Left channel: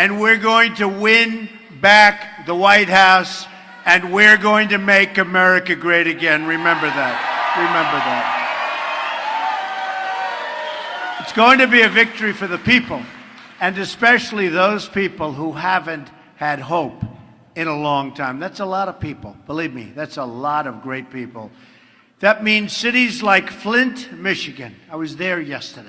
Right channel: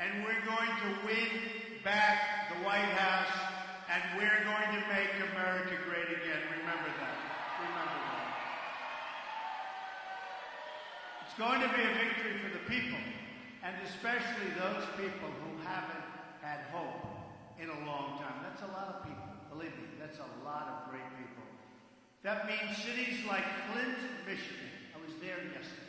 and we're going to win back the White House, and we're going to make America great again. Remember that. Remember that. It's going to be a victory for the people, and especially those people who haven't had hope in a long time. That's a lot of people. Believe me, that's a lot of great people. That means cities like Flint, Michigan. I was there yesterday.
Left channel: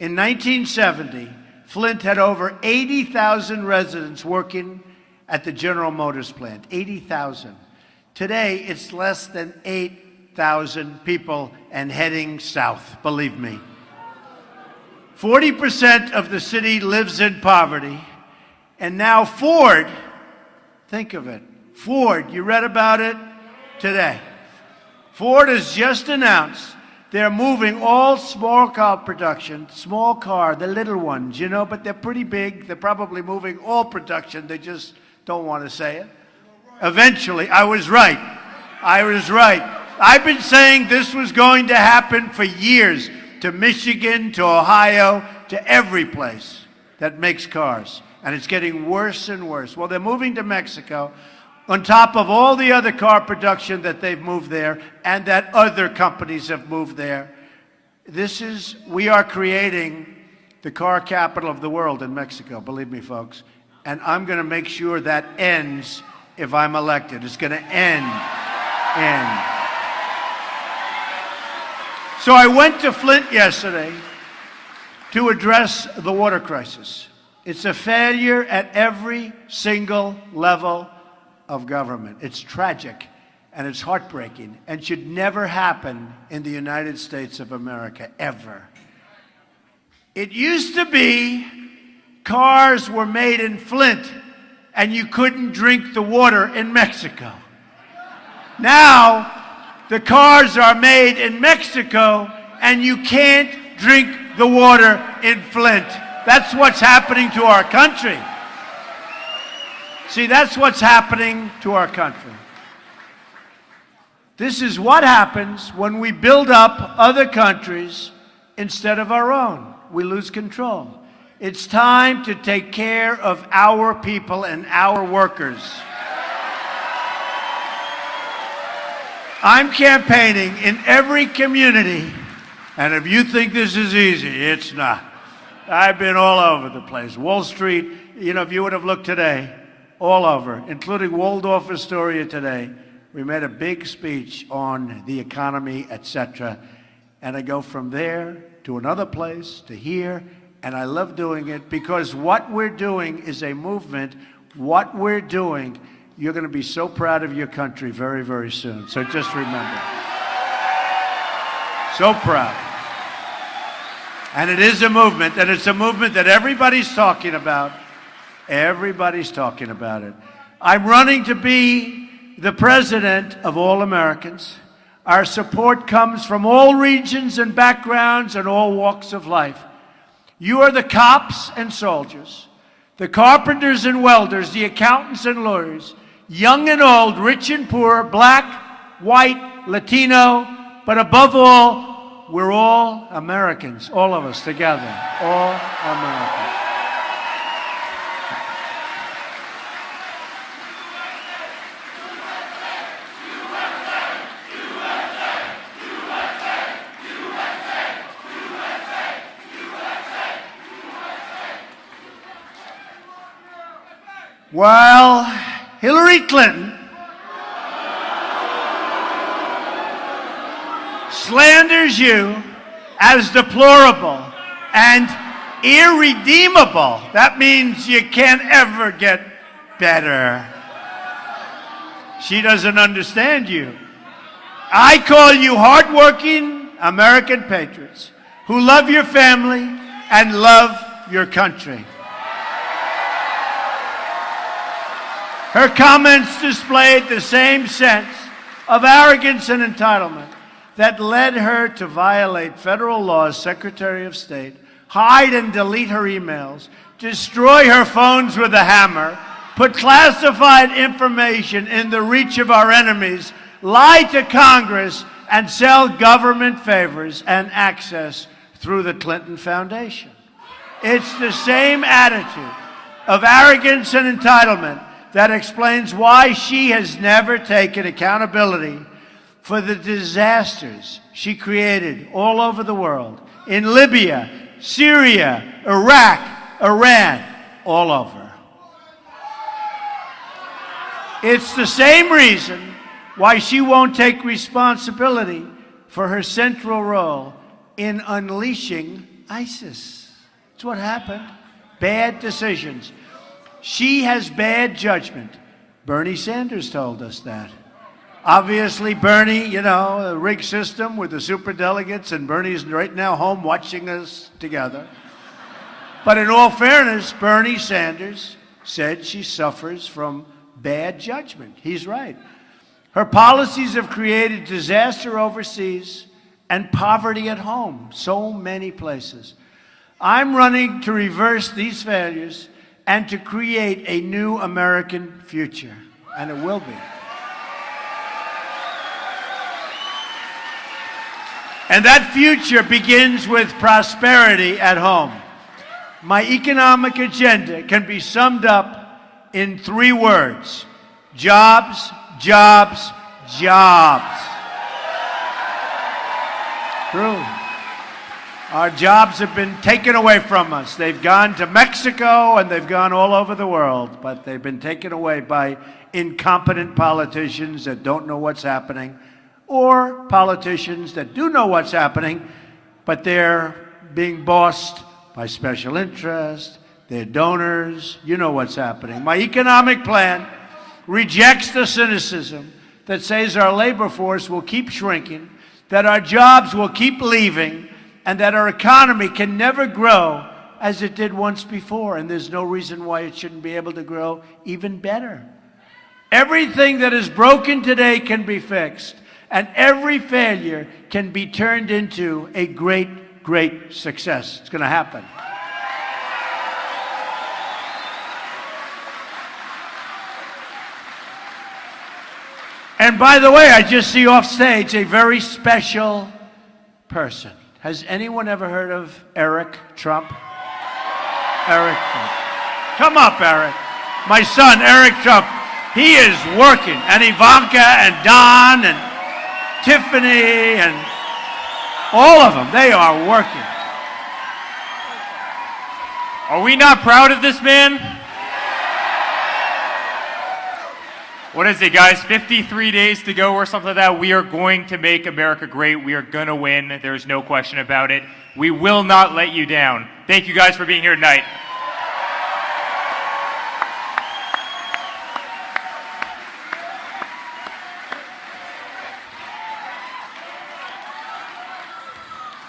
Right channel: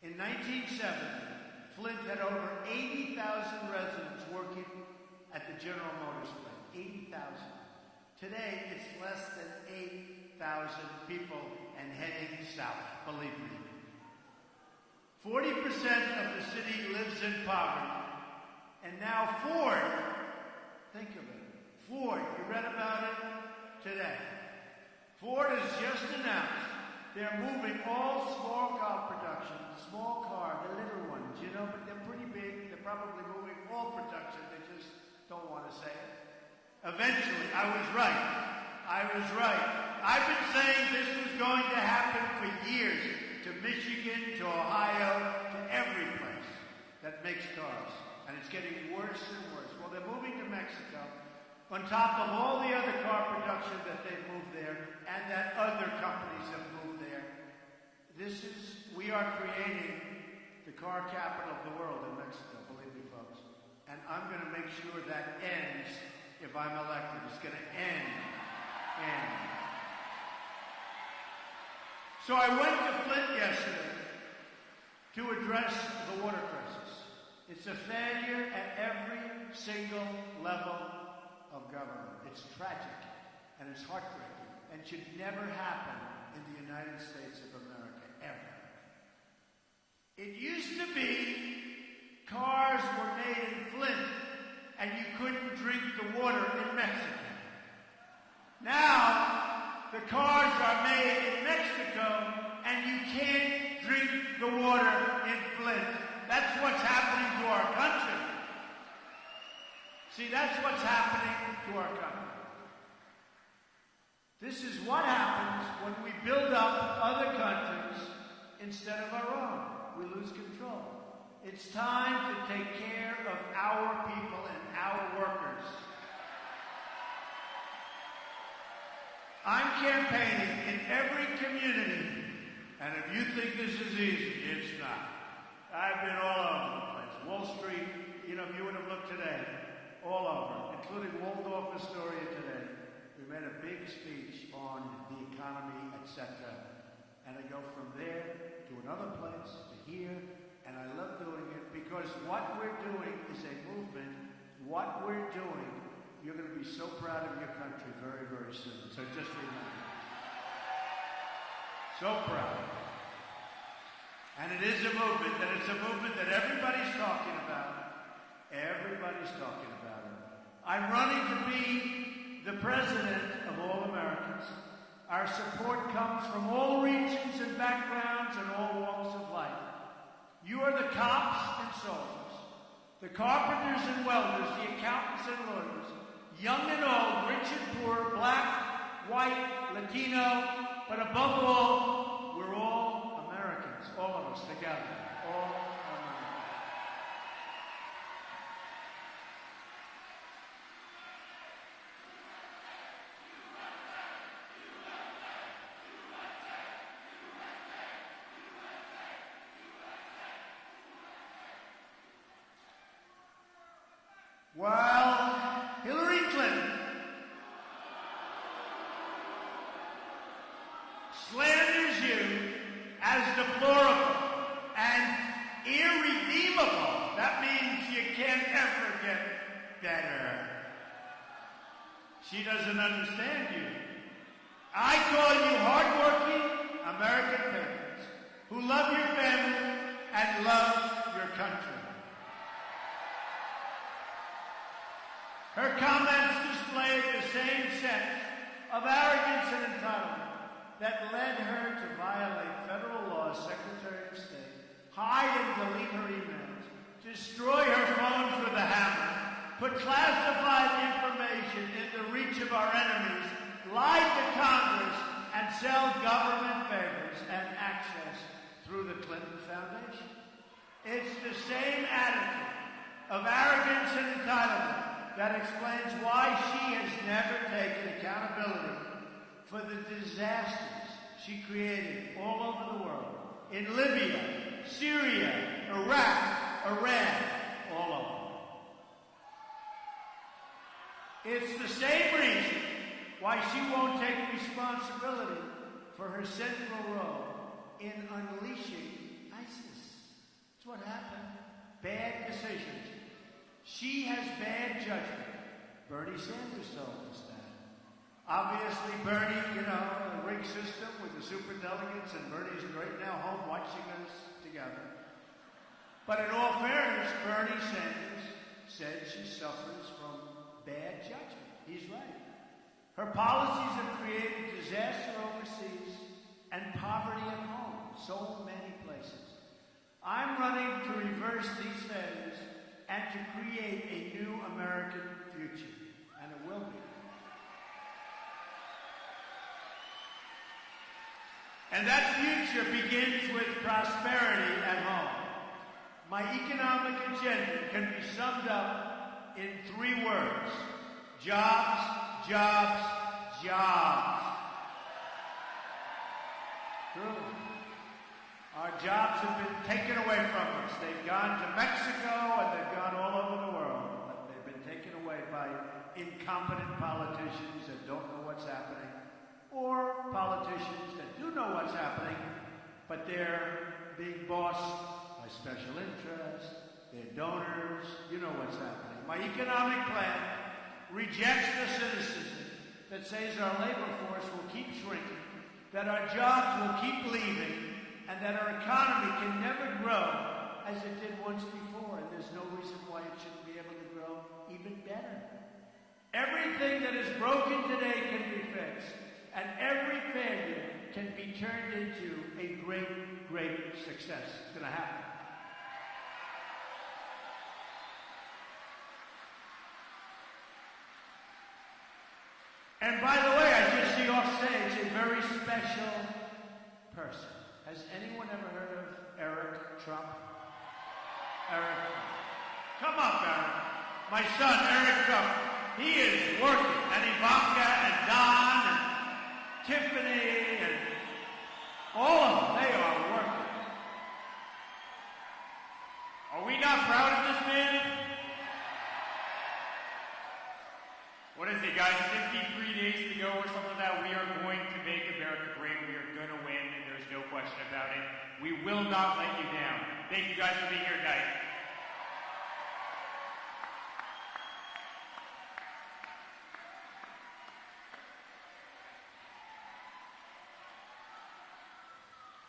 In 1970, Flint had over 80,000 residents working at the General Motors plant. 80,000. Today, it's less than 8,000 people and heading south, believe me. 40% of the city lives in poverty. And now Ford, think of it, Ford, you read about it today. Ford has just announced they're moving all small car production, small car, the little ones, you know, but they're pretty big. They're probably moving all production. They just don't want to say it. Eventually, I was right. I was right. I've been saying this was going to happen for years, to Michigan, to Ohio, to every place that makes cars. And it's getting worse and worse. Well, they're moving to Mexico on top of all the other car production that they've moved there and that other companies have moved there. We are creating the car capital of the world in Mexico, believe me, folks. And I'm going to make sure that ends if I'm elected. It's going to end. So I went to Flint yesterday to address the water crisis. It's a failure at every single level of government. It's tragic and it's heartbreaking and should never happen in the United States of America, ever. It used to be cars were made in Flint and you couldn't drink the water in Mexico. Now, the cars are made in Mexico and you can't drink the water in Flint. That's what's happening to our country. See, that's what's happening to our country. This is what happens when we build up other countries instead of our own. We lose control. It's time to take care of our people and our workers. I'm campaigning in every community, and if you think this is easy, it's not. I've been all over the place. Wall Street, you know, if you would have looked today, all over, including Waldorf Astoria today. We made a big speech on the economy, etc. And I go from there to another place, to here, and I love doing it because what we're doing is a movement. What we're doing, you're going to be so proud of your country very, very soon. So just remember. So proud. And it is a movement, and it's a movement that everybody's talking about. Everybody's talking about it. I'm running to be the president of all Americans. Our support comes from all regions and backgrounds and all walks of life. You are the cops and soldiers, the carpenters and welders, the accountants and lawyers, young and old, rich and poor, black, white, Latino, but above all, we're all Americans, all of us together, all Americans. While Hillary Clinton slanders you as deplorable and irredeemable, that means you can't ever get better. She doesn't understand you. I call you hardworking American patriots who love your family and love your country. Her comments displayed the same sense of arrogance and entitlement that led her to violate federal laws, Secretary of State, hide and delete her emails, destroy her phones with a hammer, put classified information in the reach of our enemies, lie to Congress, and sell government favors and access through the Clinton Foundation. It's the same attitude of arrogance and entitlement that explains why she has never taken accountability for the disasters she created all over the world, in Libya, Syria, Iraq, Iran, all over. It's the same reason why she won't take responsibility for her central role in unleashing ISIS. It's what happened. Bad decisions. She has bad judgment. Bernie Sanders told us that. Obviously, Bernie, you know, the rigged system with the superdelegates, and Bernie's right now home watching us together. But in all fairness, Bernie Sanders said she suffers from bad judgment. He's right. Her policies have created disaster overseas and poverty at home, so many places. I'm running to reverse these failures and to create a new American future, and it will be. And that future begins with prosperity at home. My economic agenda can be summed up in 3 words: jobs, jobs, jobs. True. Our jobs have been taken away from us. They've gone to Mexico and they've gone all over the world, but they've been taken away by incompetent politicians that don't know what's happening, or politicians that do know what's happening, but they're being bossed by special interests, their donors. You know what's happening. My economic plan rejects the cynicism that says our labor force will keep shrinking, that our jobs will keep leaving, and that our economy can never grow as it did once before, and there's no reason why it shouldn't be able to grow even better. Everything that is broken today can be fixed, and every failure can be turned into a great, great success. It's going to happen. And by the way, I just see off stage a very special person. Has anyone ever heard of Eric Trump? Eric Trump. Come up, Eric. My son, Eric Trump. He is working. And Ivanka and Don and Tiffany and all of them, they are working. Are we not proud of this man? What is it, guys? 53 days to go or something like that. We are going to make America great. We are going to win. There's no question about it. We will not let you down. Thank you guys for being here tonight.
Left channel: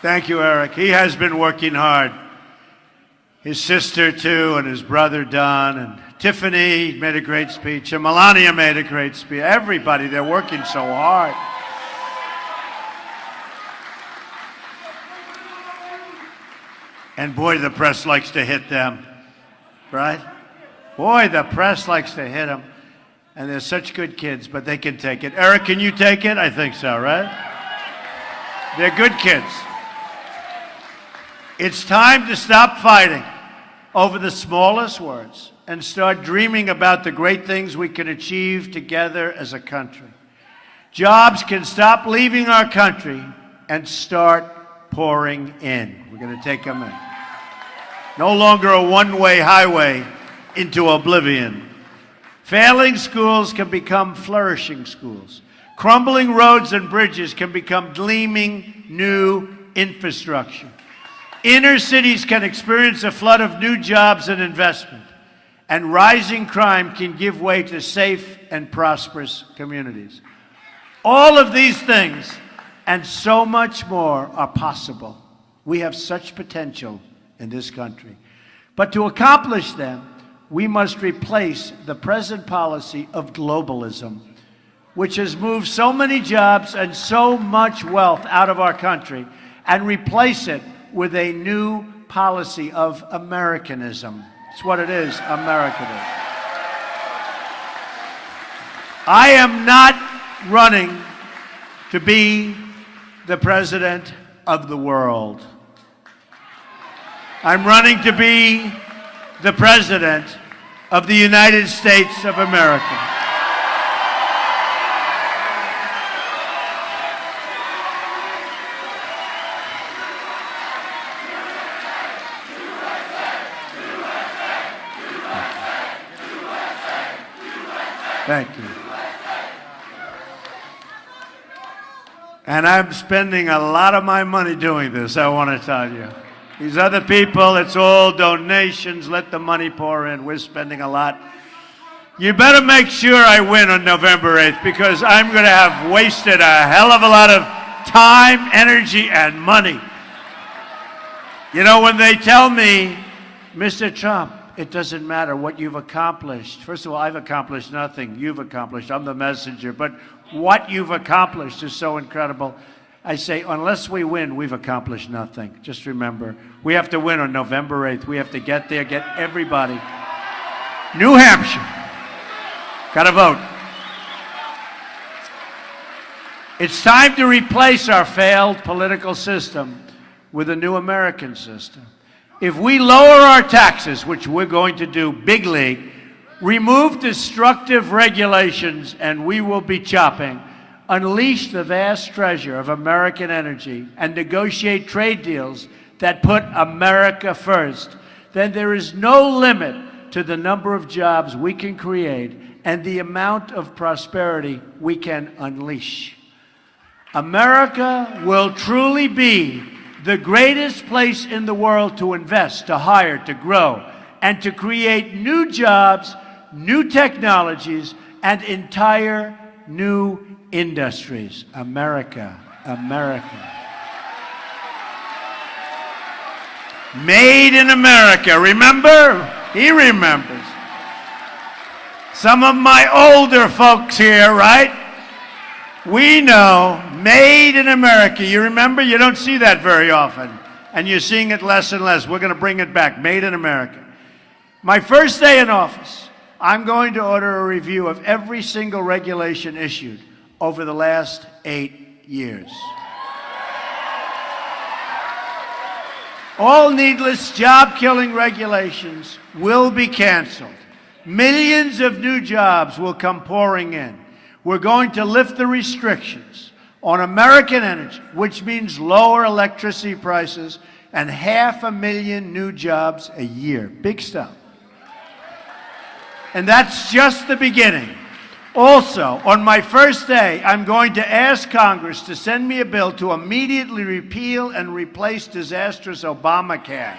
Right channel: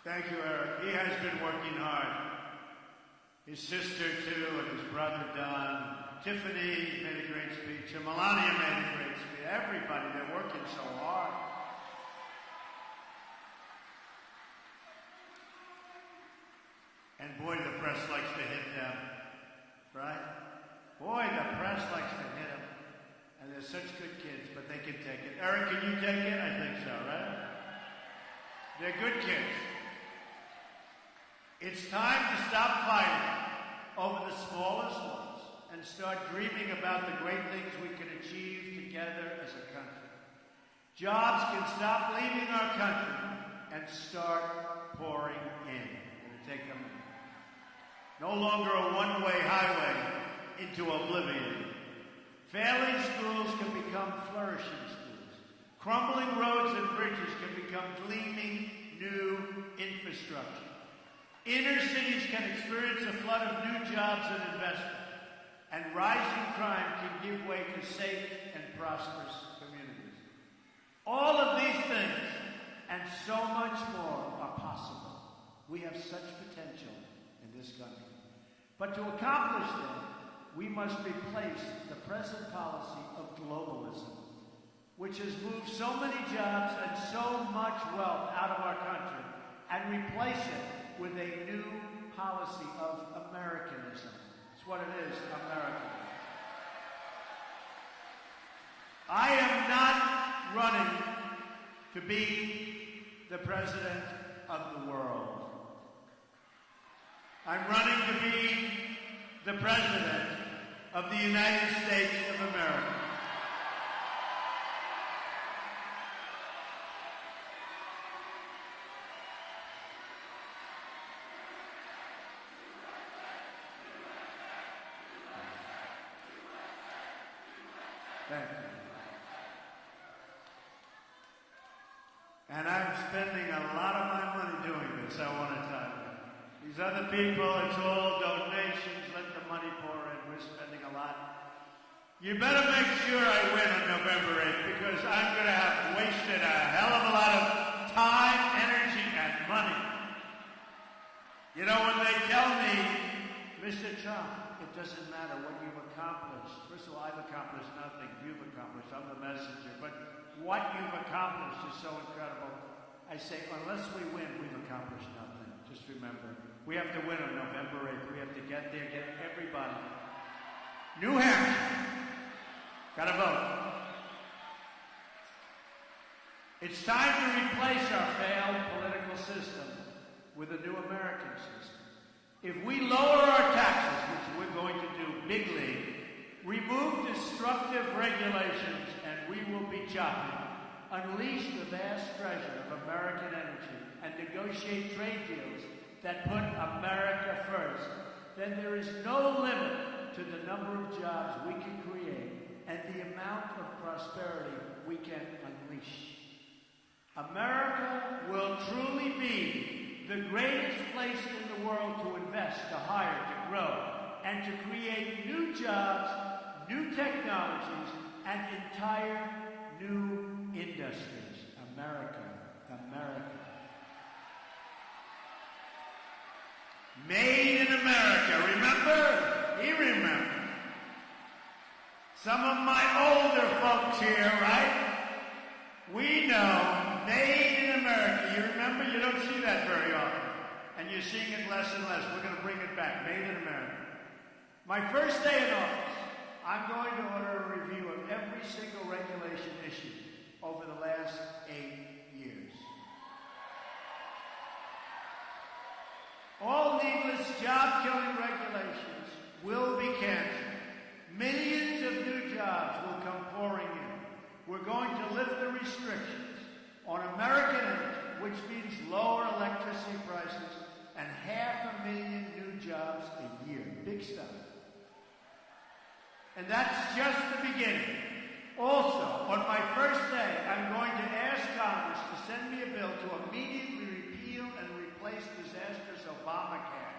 Thank you, Eric. He has been working hard. His sister, too, and his brother, Don, and Tiffany made a great speech, and Melania made a great speech. Everybody, they're working so hard. And boy, the press likes to hit them, right? Boy, the press likes to hit them. And they're such good kids, but they can take it. Eric, can you take it? I think so, right? They're good kids. It's time to stop fighting over the smallest words and start dreaming about the great things we can achieve together as a country. Jobs can stop leaving our country and start pouring in. We're going to take them in. No longer a one-way highway into oblivion. Failing schools can become flourishing schools. Crumbling roads and bridges can become gleaming new infrastructure. Inner cities can experience a flood of new jobs and investment. And rising crime can give way to safe and prosperous communities. All of these things and so much more are possible. We have such potential in this country. But to accomplish them, we must replace the present policy of globalism, which has moved so many jobs and so much wealth out of our country, and replace it with a new policy of Americanism. It's what it is, Americanism. I am not running to be the president of the world. I'm running to be the president of the United States of America. Thank you. And I'm spending a lot of my money doing this, I want to tell you. These other people, it's all donations, let the money pour in. We're spending a lot. You better make sure I win on November 8th, because I'm going to have wasted a hell of a lot of time, energy, and money. You know, when they tell me, Mr. Trump, it doesn't matter what you've accomplished. First of all, I've accomplished nothing. You've accomplished. I'm the messenger. But what you've accomplished is so incredible. I say, unless we win, we've accomplished nothing. Just remember, we have to win on November 8th. We have to get there, get everybody. New Hampshire. Got to vote. It's time to replace our failed political system with a new American system. If we lower our taxes, which we're going to do big league, remove destructive regulations, and we will be chopping, unleash the vast treasure of American energy, and negotiate trade deals that put America first, then there is no limit to the number of jobs we can create and the amount of prosperity we can unleash. America will truly be the greatest place in the world to invest, to hire, to grow, and to create new jobs, new technologies, and entire new industries. America, America. Made in America. Remember? He remembers. Some of my older folks here, right? We know, made in America. You remember? You don't see that very often. And you're seeing it less and less. We're going to bring it back. Made in America. My first day in office, I'm going to order a review of every single regulation issued over the last 8 years. All needless job-killing regulations will be canceled. Millions of new jobs will come pouring in. We're going to lift the restrictions on American energy, which means lower electricity prices and 500,000 new jobs a year. Big stuff. And that's just the beginning. Also, on my first day, I'm going to ask Congress to send me a bill to immediately repeal and replace disastrous Obamacare.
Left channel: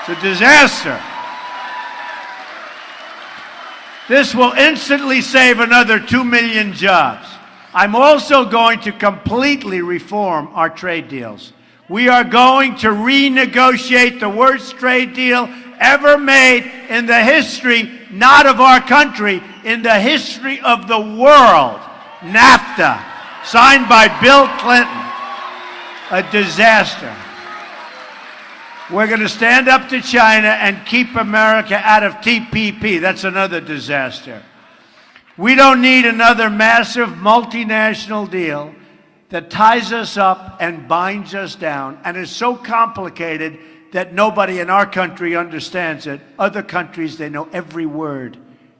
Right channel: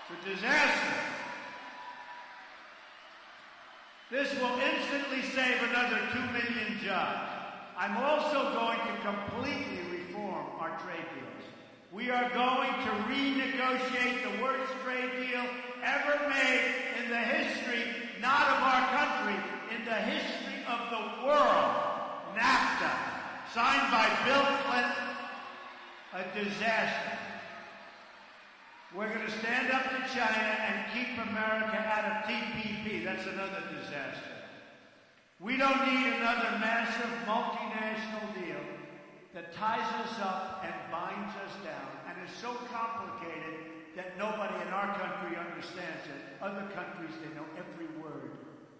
It's a disaster. This will instantly save another 2 million jobs. I'm also going to completely reform our trade deals. We are going to renegotiate the worst trade deal ever made in the history, not of our country, in the history of the world. NAFTA, signed by Bill Clinton. A disaster. We're going to stand up to China and keep America out of TPP. That's another disaster. We don't need another massive multinational deal that ties us up and binds us down and is so complicated that nobody in our country understands it. Other countries, they know every word.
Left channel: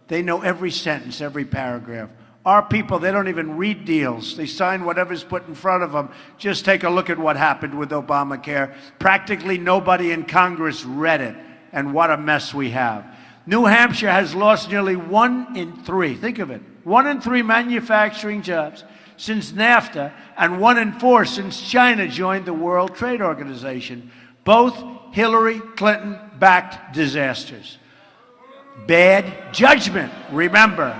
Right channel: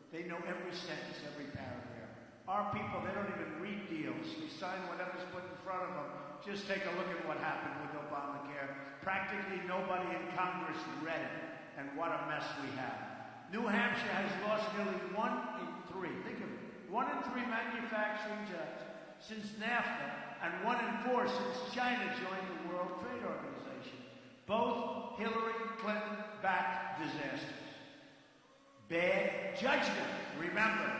They know every sentence, every paragraph. Our people, they don't even read deals. They sign whatever's put in front of them. Just take a look at what happened with Obamacare. Practically nobody in Congress read it, and what a mess we have. New Hampshire has lost nearly 1 in 3. Think of it. 1 in 3 manufacturing jobs since NAFTA, and 1 in 4 since China joined the World Trade Organization. Both Hillary Clinton-backed disasters. Bad judgment, remember.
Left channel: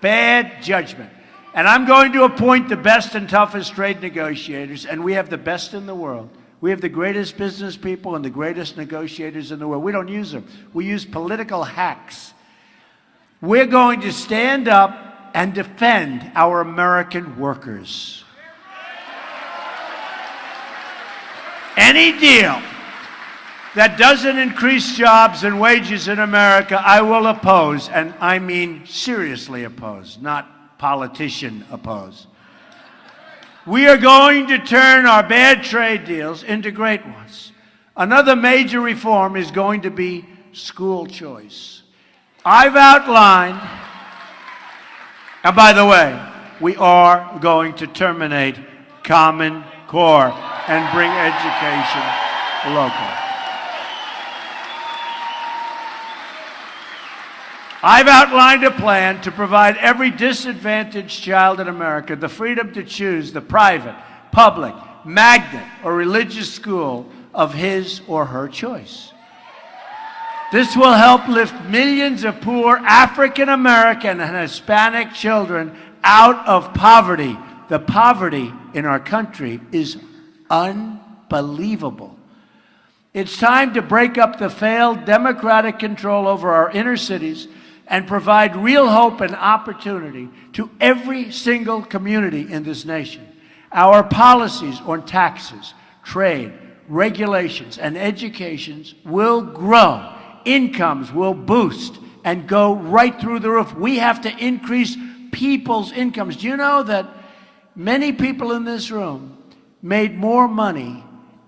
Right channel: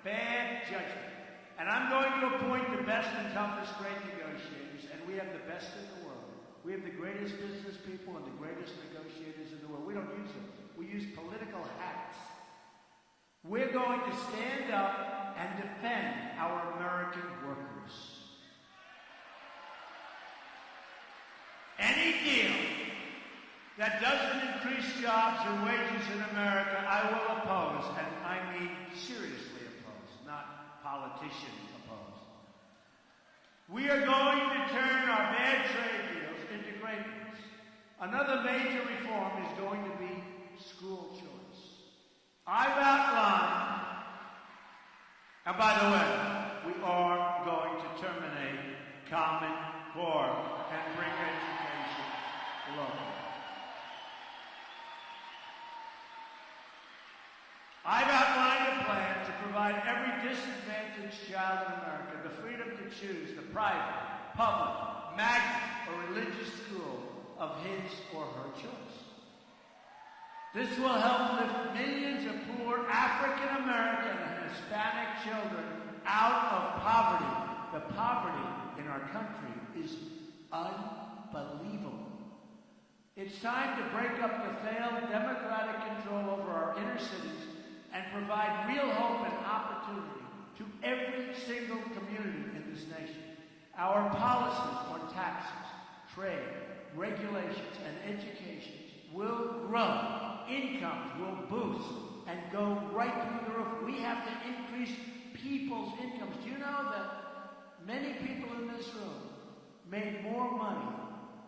Bad judgment. And I'm going to appoint the best and toughest trade negotiators, and we have the best in the world. We have the greatest business people and the greatest negotiators in the world. We don't use them. We use political hacks. We're going to stand up and defend our American workers. Any deal that doesn't increase jobs and wages in America, I will oppose, and I mean seriously oppose, not politician oppose. We are going to turn our bad trade deals into great ones. Another major reform is going to be school choice. I've outlined, and by the way, we are going to terminate Common Core and bring education local. I've outlined a plan to provide every disadvantaged child in America the freedom to choose the private, public, magnet, or religious school of his or her choice. This will help lift millions of poor African American and Hispanic children out of poverty. The poverty in our country is unbelievable. It's time to break up the failed democratic control over our inner cities and provide real hope and opportunity to every single community in this nation. Our policies on taxes, trade, regulations, and educations will grow. Incomes will boost and go right through the roof. We have to increase people's incomes. Do you know that many people in this room made more money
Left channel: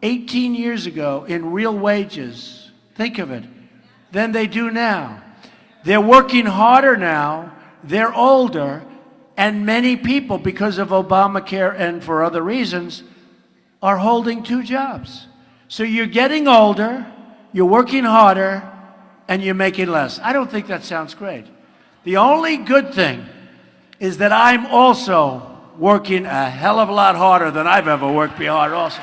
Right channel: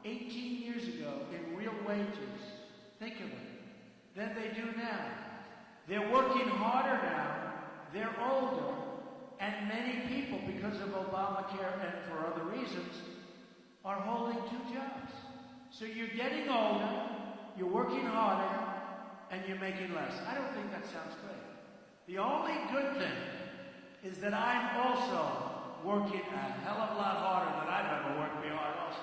18 years ago in real wages, think of it, than they do now? They're working harder now, they're older, and many people, because of Obamacare and for other reasons, are holding two jobs. So you're getting older, you're working harder, and you're making less. I don't think that sounds great. The only good thing is that I'm also working a hell of a lot harder than I've ever worked before also.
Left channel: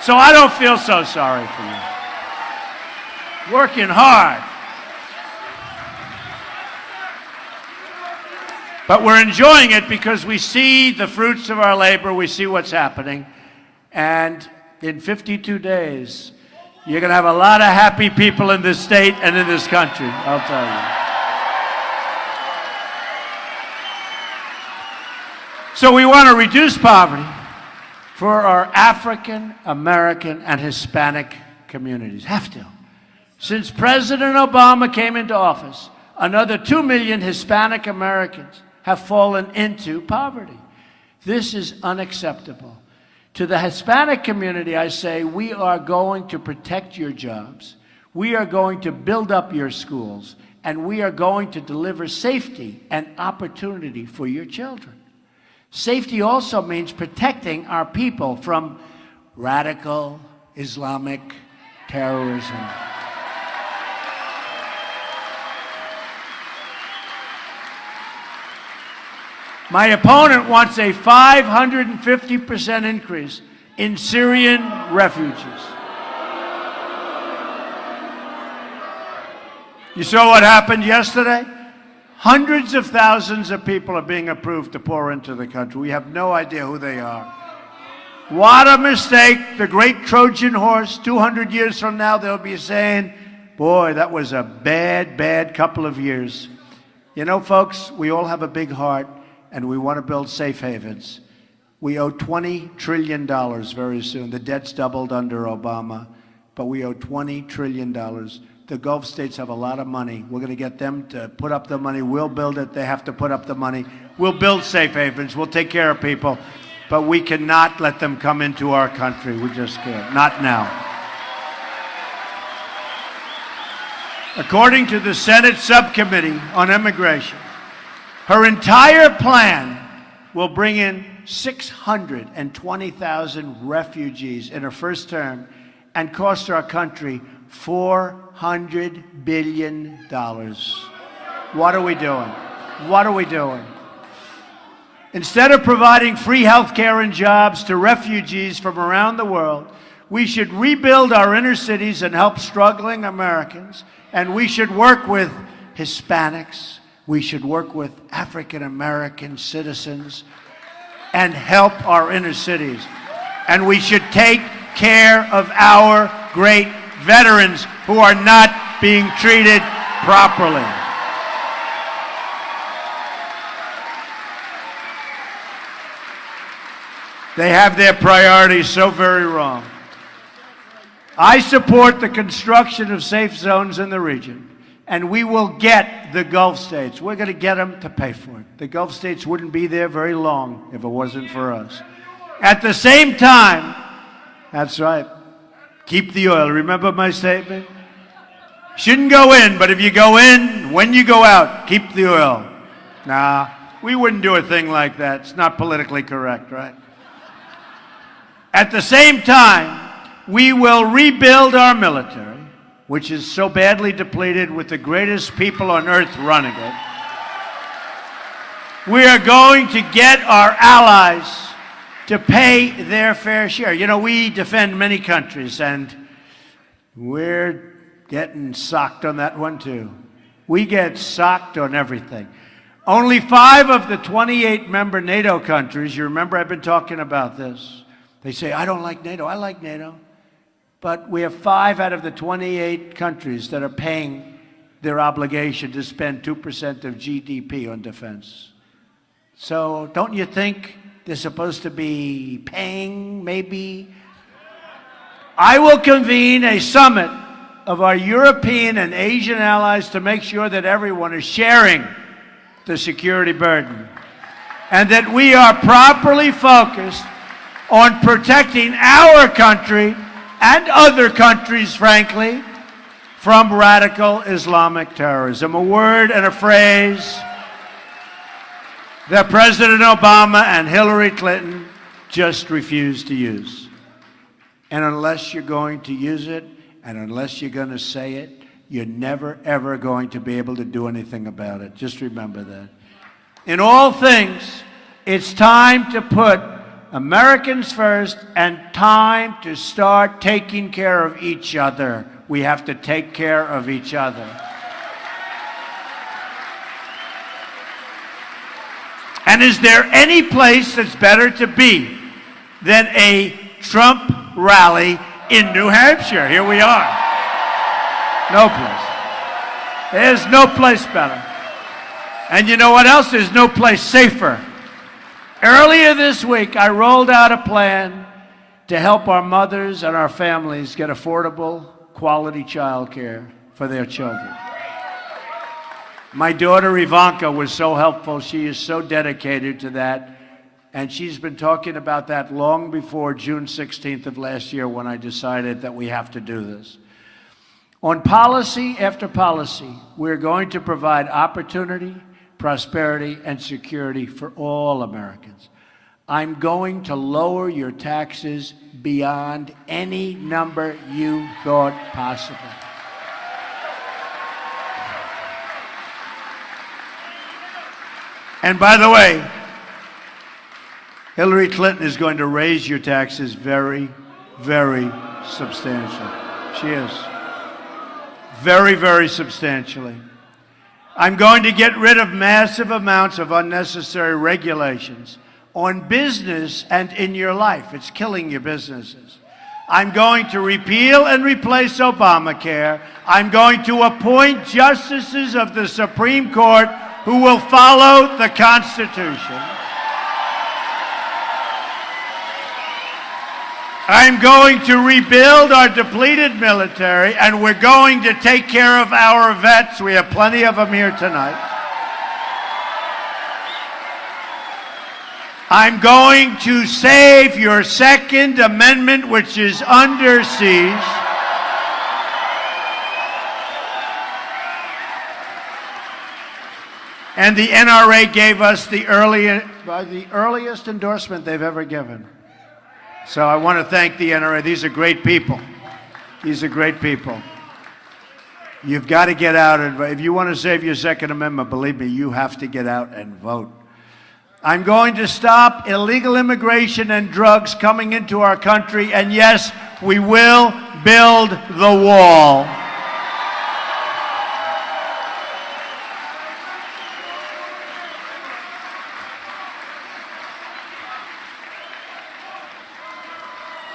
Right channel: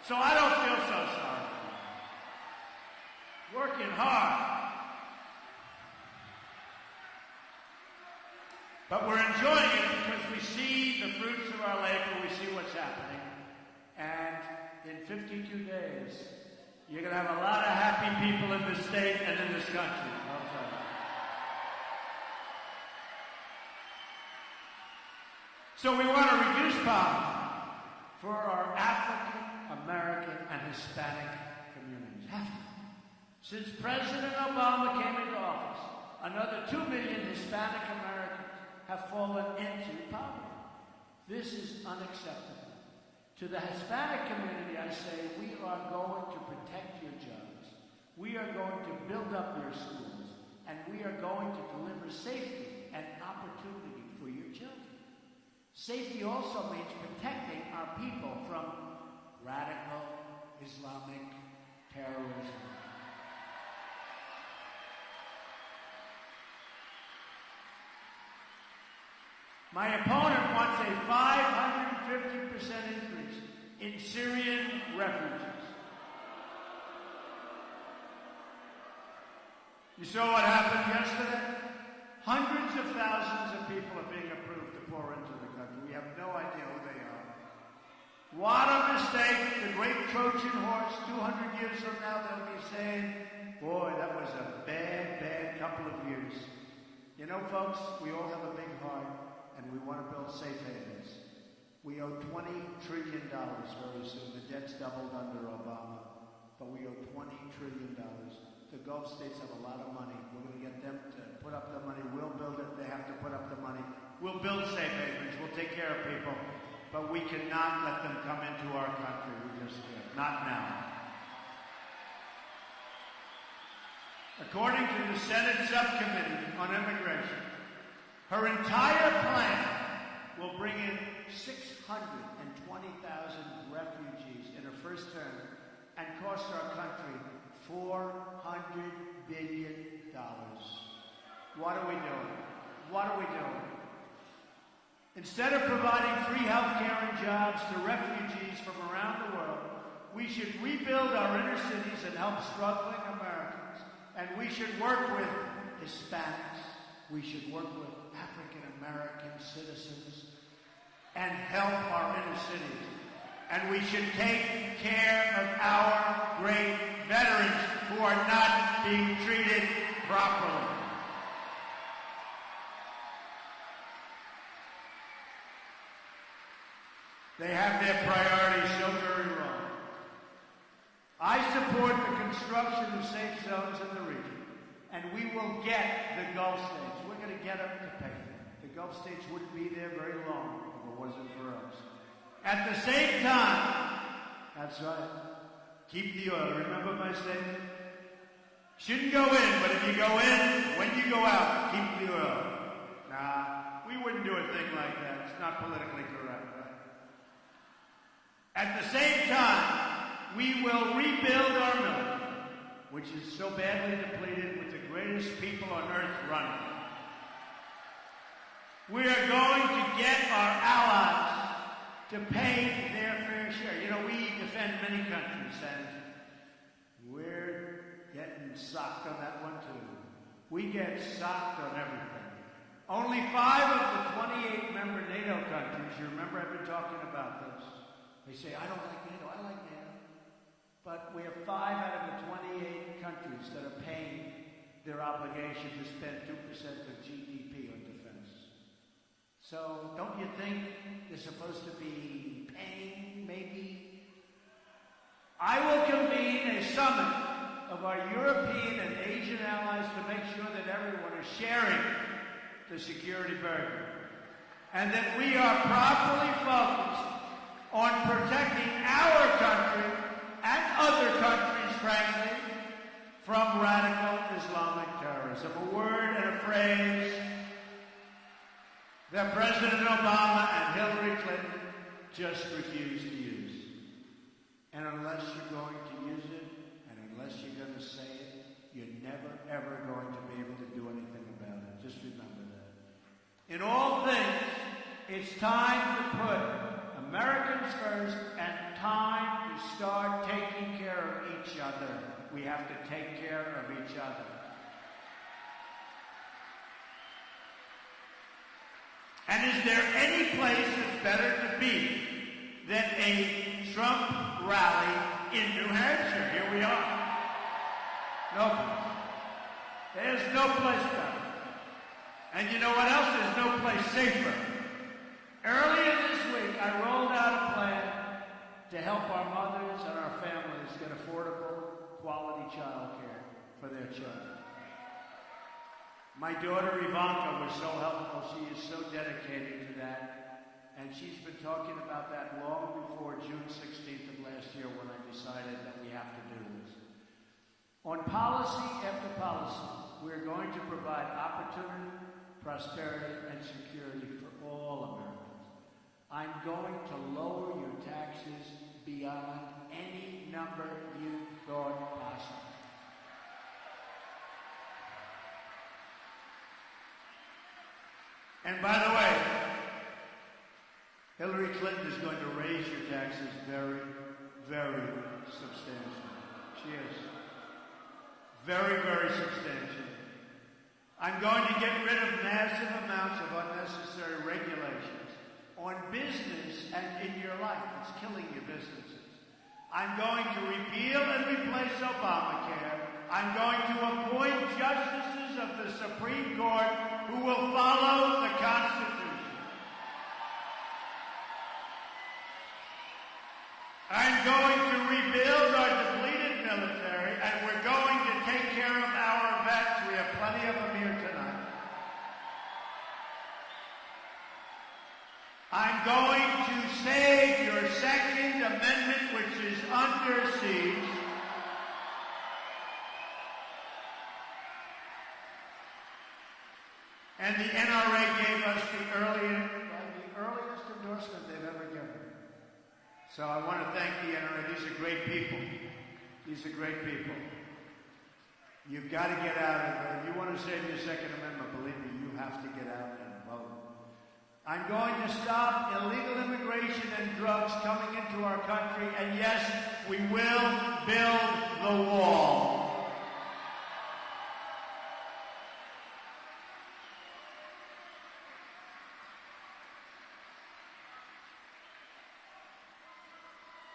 So I don't feel so sorry for you. Working hard. But we're enjoying it because we see the fruits of our labor, we see what's happening, and in 52 days, you're going to have a lot of happy people in this state and in this country, I'll tell you. So we want to reduce poverty for our African American and Hispanic communities. Have to. Since President Obama came into office, another 2 million Hispanic Americans have fallen into poverty. This is unacceptable. To the Hispanic community, I say, we are going to protect your jobs, we are going to build up your schools, and we are going to deliver safety and opportunity for your children. Safety also means protecting our people from radical Islamic terrorism. My opponent wants a 550% increase in Syrian refugees. You saw what happened yesterday? Hundreds of thousands of people are being approved to pour into the country. We have no idea who they are. What a mistake. The great Trojan horse, 200 years from now, they'll be saying, boy, that was a bad, bad couple of years. You know, folks, we all have a big heart, and we want to build safe havens. We owe $20 trillion very soon. The debt's doubled under Obama, but we owe $20 trillion. The Gulf states have a lot of money. We're going to get them to put up the money. We'll build it. They have to put up the money. We'll build safe havens. We'll take care of people. But we cannot let them come into our country. We just can't. Not now. According to the Senate Subcommittee on Immigration, her entire plan will bring in 620,000 refugees in her first term and cost our country $400 billion. What are we doing? What are we doing? Instead of providing free health care and jobs to refugees from around the world, we should rebuild our inner cities and help struggling Americans, and we should work with Hispanics, we should work with African American citizens and help our inner cities. And we should take care of our great veterans who are not being treated properly. They have their priorities so very wrong. I support the construction of safe zones in the region, and we will get the Gulf states. We're going to get them to pay for it. The Gulf states wouldn't be there very long if it wasn't for us. At the same time, that's right, Keep the oil. Remember my statement? Shouldn't go in, but if you go in, when you go out, keep the oil. Nah, we wouldn't do a thing like that. It's not politically correct, right? At the same time, we will rebuild our military, which is so badly depleted with the greatest people on earth running it. We are going to get our allies to pay their fair share. You know, we defend many countries, and we're getting socked on that one too. We get socked on everything. Only 5 of the 28 member NATO countries, you remember I've been talking about this. They say, I don't like NATO. I like NATO. But we have 5 out of the 28 countries that are paying their obligation to spend 2% of GDP on defense. So don't you think they're supposed to be paying, maybe? I will convene a summit of our European and Asian allies to make sure that everyone is sharing the security burden and that we are properly focused on protecting our country and other countries, frankly, from radical Islamic terrorism. A word and a phrase that President Obama and Hillary Clinton just refused to use. And unless you're going to use it, and unless you're going to say it, you're never, ever going to be able to do anything about it. Just remember that. In all things, it's time to put Americans first and time to start taking care of each other. We have to take care of each other. And is there any place that's better to be than a Trump rally in New Hampshire? Here we are. No place. There's no place better. And you know what else? There's no place safer. Earlier this week, I rolled out a plan to help our mothers and our families get affordable, quality child care for their children. My daughter Ivanka was so helpful. She is so dedicated to that. And she's been talking about that long before June 16th of last year when I decided that we have to do this. On policy after policy, we're going to provide opportunity, prosperity, and security for all Americans. I'm going to lower your taxes beyond any number you thought possible. And by the way, Hillary Clinton is going to raise your taxes very, very substantially. She is. Very, very substantially. I'm going to get rid of massive amounts of unnecessary regulations on business and in your life. It's killing your businesses. I'm going to repeal and replace Obamacare. I'm going to appoint justices of the Supreme Court who will follow the Constitution. I'm going to rebuild our depleted military, and we're going to take care of our vets. We have plenty of them here tonight. I'm going to save your Second Amendment, which is under siege. And the NRA gave us the earliest endorsement they've ever given. So I want to thank the NRA. These are great people. These are great people. You've got to get out and vote. If you want to save your Second Amendment, believe me, you have to get out and vote. I'm going to stop illegal immigration and drugs coming into our country, and yes, we will build the wall.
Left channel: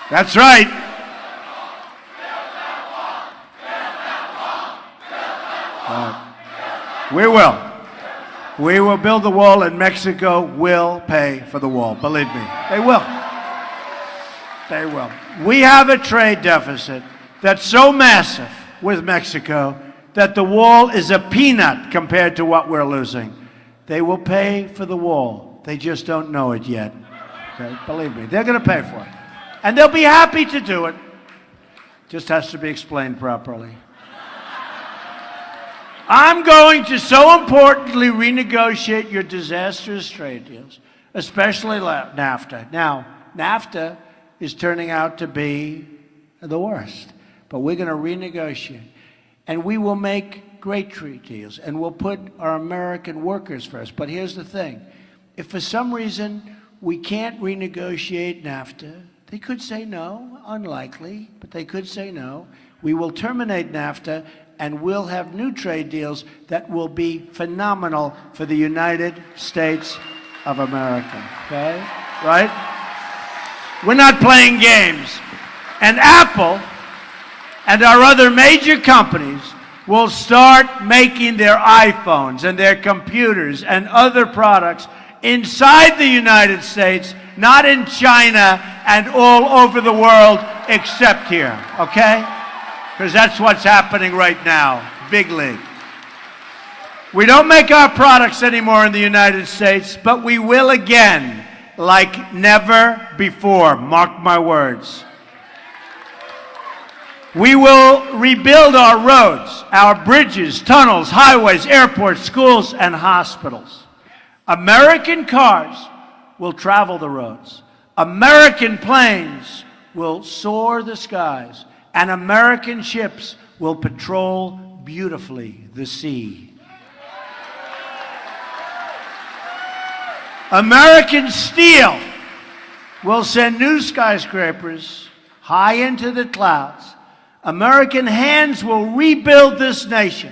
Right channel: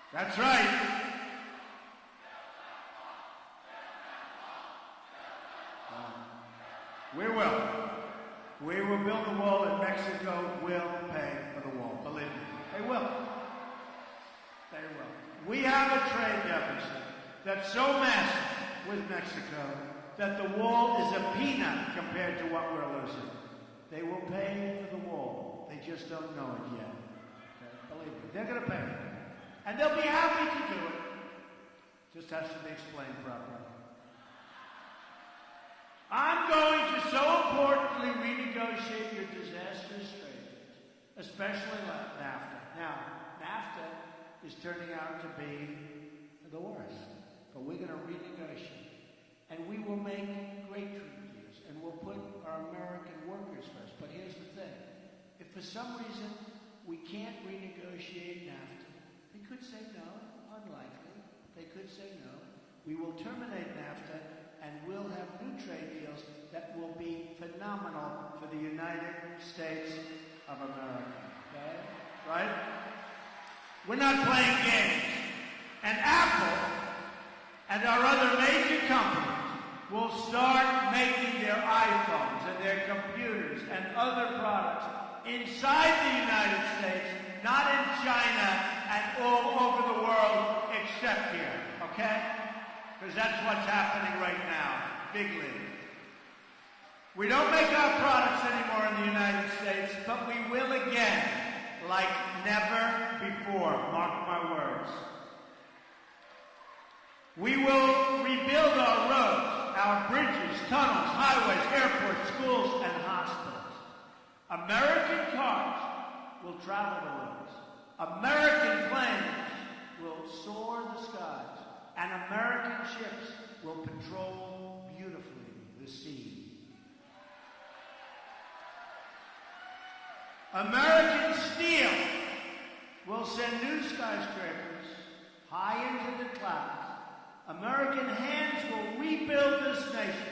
That's right. We will. We will build the wall, and Mexico will pay for the wall. Believe me, they will. They will. We have a trade deficit that's so massive with Mexico that the wall is a peanut compared to what we're losing. They will pay for the wall. They just don't know it yet. Okay? Believe me, they're going to pay for it. And they'll be happy to do it. Just has to be explained properly. I'm going to so importantly renegotiate your disastrous trade deals, especially NAFTA. Now, NAFTA is turning out to be the worst, but we're going to renegotiate. And we will make great trade deals, and we'll put our American workers first. But here's the thing. If for some reason we can't renegotiate NAFTA, they could say no, unlikely, but they could say no. We will terminate NAFTA, and we'll have new trade deals that will be phenomenal for the United States of America, okay? Right? We're not playing games. And Apple and our other major companies will start making their iPhones and their computers and other products inside the United States, not in China and all over the world except here, okay? Because that's what's happening right now, big league. We don't make our products anymore in the United States, but we will again, like never before, mark my words. We will rebuild our roads, our bridges, tunnels, highways, airports, schools, and hospitals. American cars will travel the roads. American planes will soar the skies. And American ships will patrol beautifully the sea. American steel will send new skyscrapers high into the clouds. American hands will rebuild this nation.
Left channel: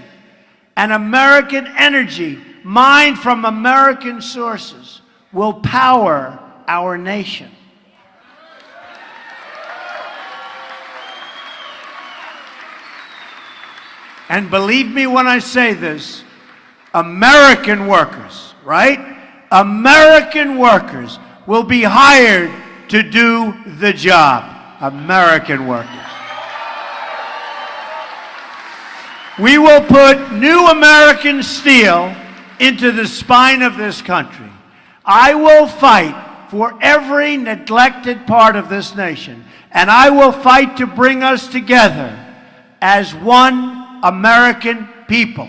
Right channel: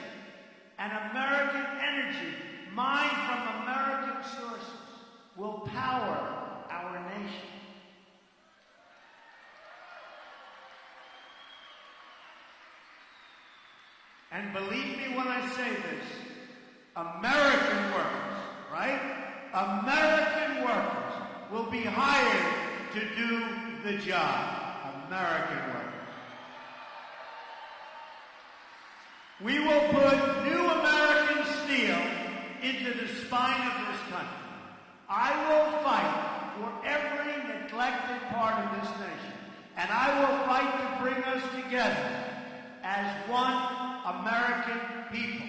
And American energy, mined from American sources, will power our nation. And believe me when I say this, American workers, right? American workers will be hired to do the job. American workers. We will put new American steel into the spine of this country. I will fight for every neglected part of this nation, and I will fight to bring us together as one American people.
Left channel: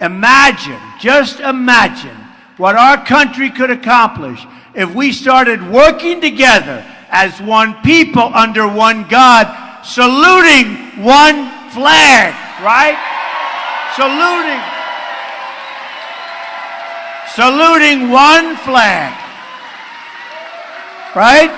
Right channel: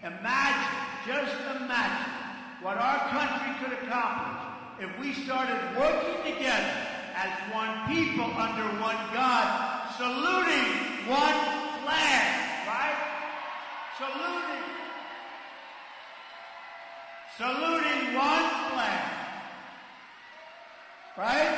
Imagine, just imagine what our country could accomplish if we started working together as one people under one God, saluting one flag, right? Saluting one flag, right?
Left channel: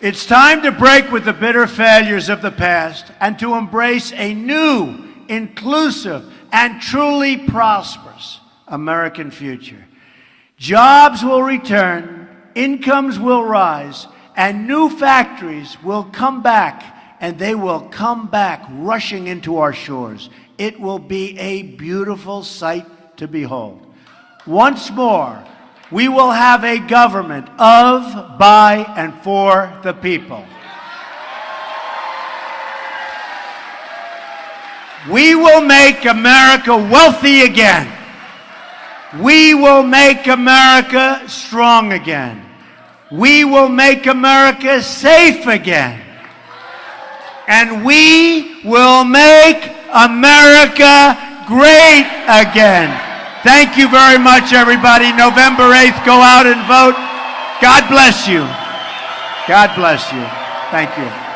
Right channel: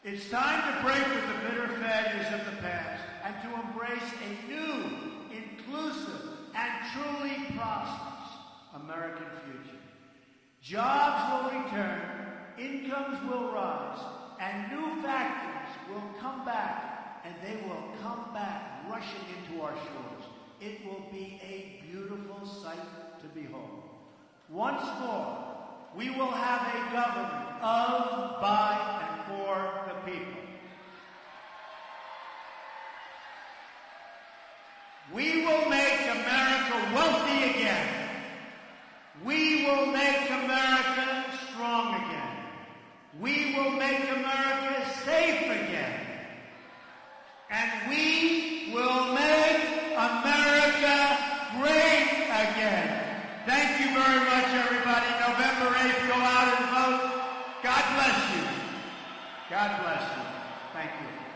It's time to break with the bitter failures of the past and to embrace a new, inclusive, and truly prosperous American future. Jobs will return, incomes will rise, and new factories will come back, and they will come back rushing into our shores. It will be a beautiful sight to behold. Once more, we will have a government of, by, and for the people. We will make America wealthy again. We will make America strong again. We will make America safe again. And we will make America great again. Thank you very much, everybody. November 8th, go out and vote. God bless you. God bless you. Thank you.